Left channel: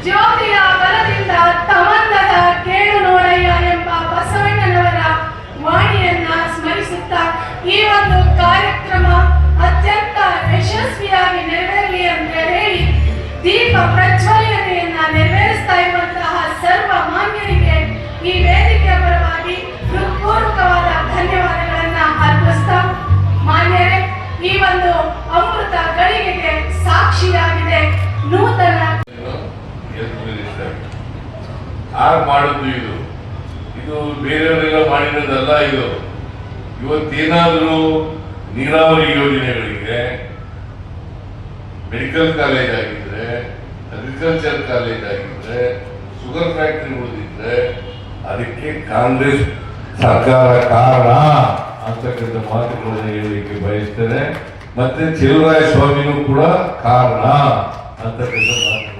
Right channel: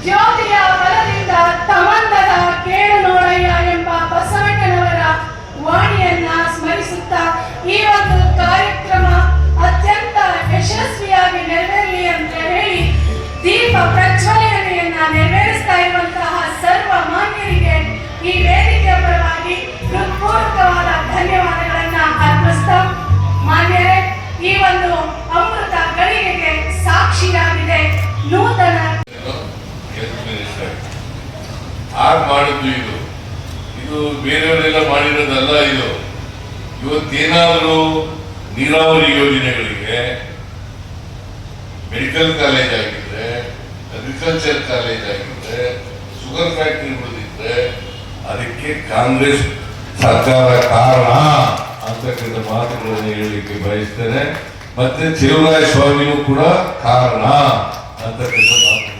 Joe ಮಾಡಿದ್ದು ಇದು? ಇದು ಬೇರೆಯವರೆಲ್ಲ ಮಾಡಿರೋದಲ್ಲ ಇದು. ಇವತ್ತೇನಾದರೂ ನೀರಾವರಿ ಯೋಜನೆಗಳಿಗೆ ಮೆಡಿಕಲ್ ಕಾಲೇಜ್ ಆಗಿದ್ರೆ ಅಗ್ರಿಕಲ್ಚರ್ ಕಾಲೇಜ್ ಆಗಿದ್ರೆ ಶುಗರ್ ಫ್ಯಾಕ್ಟ್ರಿ ಉಳಿದಿದ್ರೆ ಅದಕ್ಕೆ ಕಾಂಗ್ರೆಸ್ ಸರ್ಕಾರ ಕಾರಣ ಅಂತಕ್ಕಂಥ ಮಾತುಗಳನ್ನು ಹೇಳಲಿಕ್ಕೆ ಬಯಸ್ತೇನೆ. ಮತ್ತೆ ಚೆಲುವರಾಯ ಸ್ವಾಮಿಯೂ ಕೂಡ ಕಾರಣ ಅಂತಕ್ಕಂಥ ಮಾತು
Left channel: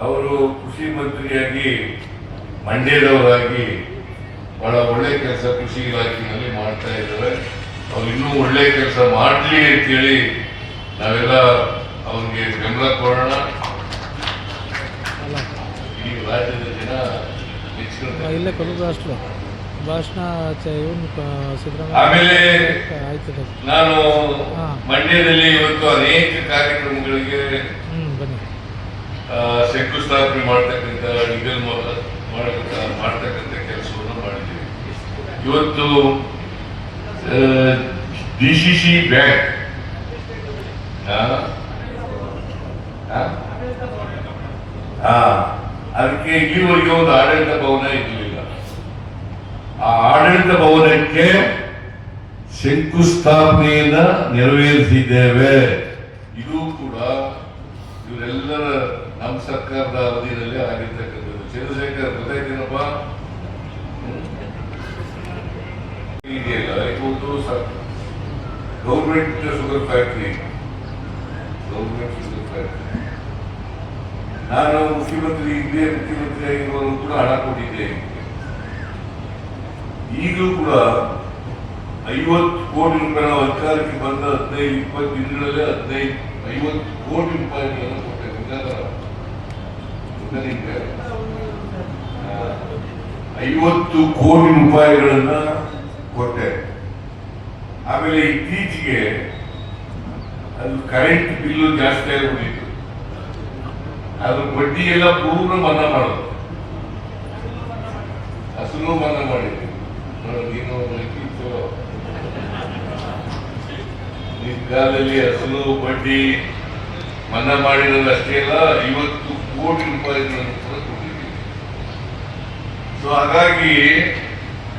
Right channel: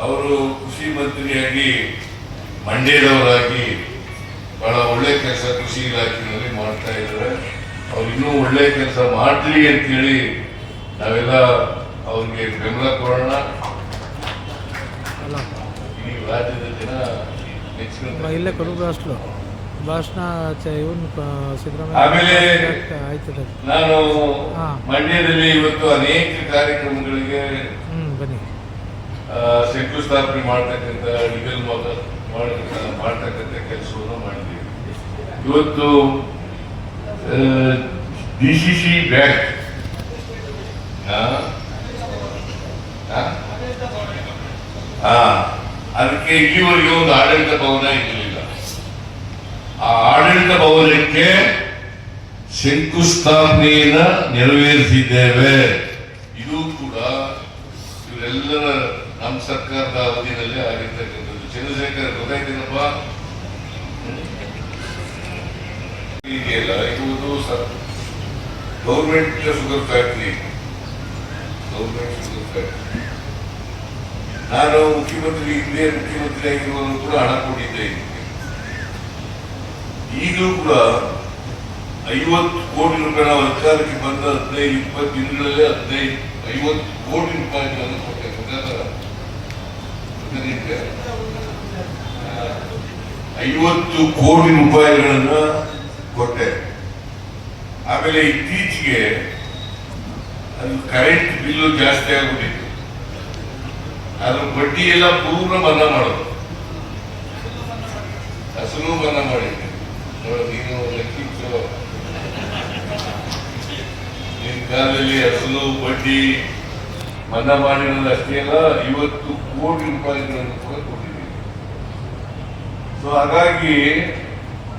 ಅವರು ಕೃಷಿ ಮಂತ್ರಿಯಾಗಿ ಮಂಡ್ಯದವರಾಗಿ ಬಹಳ ಒಳ್ಳೆ ಕೆಲಸ ಕೃಷಿ ಇಲಾಖೆಯಲ್ಲಿ ಮಾಡ್ತಾ ಇದ್ದಾರೆ. ಅವ್ರು ಇನ್ನೂ ಒಳ್ಳೆ ಕೆಲಸ ಮಾಡಲಿ ಅಂತೇಳಿ ನಾವೆಲ್ಲ ಅವ್ರಿಗೆ ಬೆಂಬಲ ಕೊಡೋಣ. ಅಲ್ಲ ಈ ರಾಜ್ಯದ ಜನ ಇಲ್ಲೇ ಅಷ್ಟು. ಭಾಷಣ ಆಮೇಲೆ- ನಾನು. ಮಂಡ್ಯದಲ್ಲಿ ಇವತ್ತು ಅನೇಕ ಕಾರ್ಯಕ್ರಮಗಳಿಗೆ ಬನ್ನಿ. ಶಂಕುಸ್ಥಾಪನೆ ಮಾಡ್ತಕ್ಕಂಥ, ಈಗಲ್ ಮಾಡತಕ್ಕಂಥ ಮಾಡ್ತಕ್ಕಂಥ ಕೆಲಸವನ್ನು ಮಾಡಿದ್ದೀವಿ. ಇವತ್ತು ಡಿ ಸಿ ಸಿ ಬ್ಯಾಂಕ್ ಅದಕ್ಕೆ ಇಲ್ಲಿವರೆಗೆ ಒಂದು ಆಡಳಿತ ಭವನ ಇರಲಿಲ್ಲ. ಆ ಆಡಳಿತ ಭವನಕ್ಕೆ ಶಂಕುಸ್ಥಾಪನೆಯನ್ನ ನೆರವೇರಿಸಿದ್ದೇವೆ. ಇದು ಕೂಡ ಇವರೆಲ್ಲರ ನಮ್ಮ ಸರ್ಕಾರದ ಅವಧಿಯಲ್ಲಿ ಆಗಿರ್ತಕ್ಕಂಥದ್ದು. ಚಂದ್ರಶೇಖರ್ ಗೊತ್ತಾಯ್ತೇನಪ್ಪ ಇದೆಯಲ್ಲ ಇವತ್ತು government sugar factory government sugar factory ನಾನು ಮುಖ್ಯಮಂತ್ರಿ ಹಿಂದೆ ಮುಖ್ಯಮಂತ್ರಿ ಆಗಿರುವವರು ಕೂಡ ಹಣ ಕೊಟ್ಟಿದ್ದೆ. ಈಗಲೂ ಕೂಡ ಐವತ್ತು ಕೋಟಿ ರೂಪಾಯಿ ನಾವು ಅಧಿಕಾರಕ್ಕೆ ಬಂದ ಹದಿನೈದು, ಇಪ್ಪತ್ತು ದಿನಗಳಲ್ಲೇ ಹದಿನೈದು, ಐವತ್ತು ಕೋಟಿ ರೂಪಾಯಿಗಳನ್ನು ಕೊಟ್ಟೆ. ಗೊತ್ತಾ ಐವತ್ತು ಕೋಟಿ ರೂಪಾಯಿಗಳನ್ನು ಕೊಟ್ಟೆ. ಆಮೇಲೆ ಇತ್ತೀಚೆಗೆ ಅದು ಕರೆಂಟ್ ಬಿಲ್ಲು ಜಾಸ್ತಿ ಆಗಿಬಿಟ್ಟಿತ್ತು. ಅದ್ರ ಬಡ್ಡಿ ಎಲ್ಲ ಪೂರ್ಣ ಮನ್ನಾ ಮಾಡೋದು ಅಸಲು ಮನ್ನಾ ಮಾಡಿದ್ದೆ ನೀನು ಲೆಕ್ಕಿತ್ತು ಬಡ್ಡಿ ಮನ್ನಾ ಮಾಡಿರೋದು ಅಷ್ಟೇ ಅಲ್ಲ, ಐವತ್ತು ಕೋಟಿ ರೂಪಾಯಿ ಕೊಟ್ಟಿದ್ದೀವಿ. ಸೊ ಹಾಗಾಗಿ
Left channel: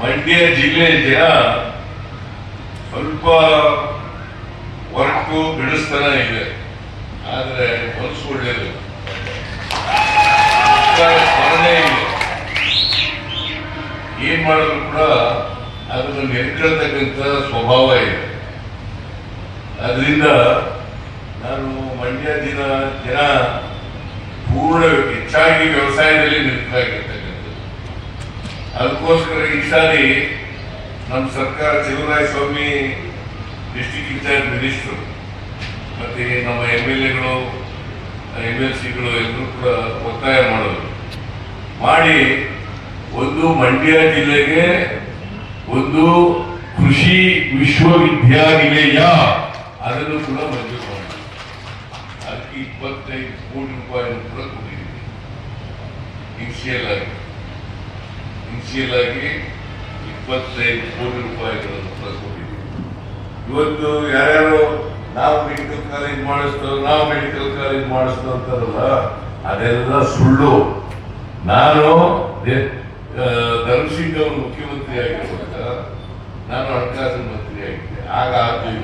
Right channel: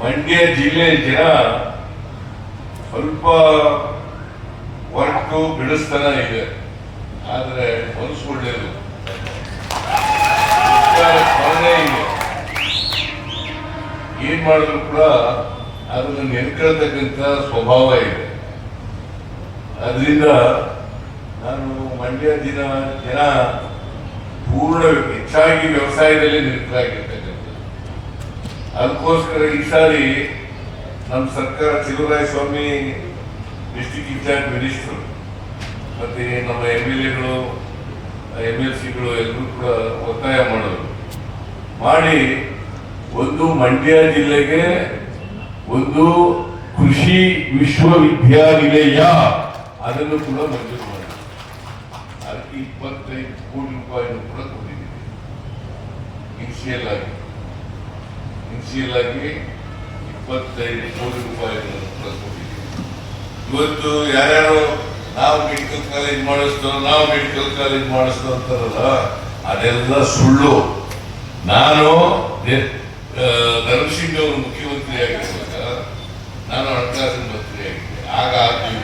ಮಂಡ್ಯ ಜಿಲ್ಲೆಯ ಜನ ಸ್ವಲ್ಪ ವರ್ಕು ಬಿಡಿಸ್ತಾನ ಇದೆ. ಆದರೆ ಮನಸ್ಸು ಇದೆ. ಏನ್ ಮಾಡಿದ್ರು ಕೂಡ ಅದನ್ನು ನೆನ್ಕೊಳ್ತಕ್ಕಂಥ ಸ್ವಭಾವ ಇದೆ. ಅದರಿಂದ ನಾನು ಮಂಡ್ಯ ದಿನ ದಿನ ಪೂರ್ಣ ಹೆಚ್ಚಾಗಿ ವ್ಯವಸಾಯದಲ್ಲಿ ನಿರತರಾಗಿರ್ತಕ್ಕಂಥದ್ದು ಅದಕ್ಕೋಸ್ಕರ ಈ ಸಾರಿ ನಮ್ಮ ಸರ್ಕಾರ Cheluvaraya Swamy district incharge minister ಮತ್ತೆ ನಮ್ಮ ಎಂ ಎಲ್ ಎಗಳು ಎಂ ಎಲ್ ಸಿಗಳು ಎಲ್ಲರೂ ಕೂಡ ಒತ್ತಾಯ ಮಾಡೋದು. ಮಾಡಿ ಒಂದು ಮಂಡ್ಯ ಜಿಲ್ಲೆಗೆ ಒಂದು ಕೃಷಿ ವಿಶ್ವವಿದ್ಯಾನಿಲಯ, ಅದನ್ನು ಕೂಡ ಮಂಜೂರು ಇಪ್ಪತ್ತೈದು ಕೋಟಿ ರೂಪಾಯಿಯನ್ನು ಕೂಡ ಕೊಟ್ಟಿದ್ದೀವಿ ಇನ್ಸಿಯಲ್ ಆಗಿ ಇನ್ಸಿಯಲ್ ಆಗಿ ಇಪ್ಪತ್ತೈದು ಕೋಟಿ ರೂಪಾಯಿಗಳನ್ನು ಕೂಡ ಕೊಟ್ಟಿದ್ದೀವಿ ಇವತ್ತು ಯಾರ್ಯಾರು ನಾವು ಮೆಡಿಕಲ್ ಕಾಲೇಜ್ ಮಾಡಿಸ್ತಾರೋ, ನಾವು ಮೆಡಿಕಲ್ ಕಾಲೇಜ್ ಮಾಡಿಸ್ತಾ ಅಂತಾರಲ್ಲ ಅದೆಲ್ಲ ಸುಳ್ಳು. ನಾನು ಧರ್ಮಸಿಂಗ್ ಅವರು ಮುಖ್ಯಮಂತ್ರಿ ಆಗಿರುವಾಗ ನಾನು ಹಣಕಾಸಿನ ಮಂತ್ರಿ ಆಗಿದ್ದೆ ಆಗ ಆಗಿಲ್ಲ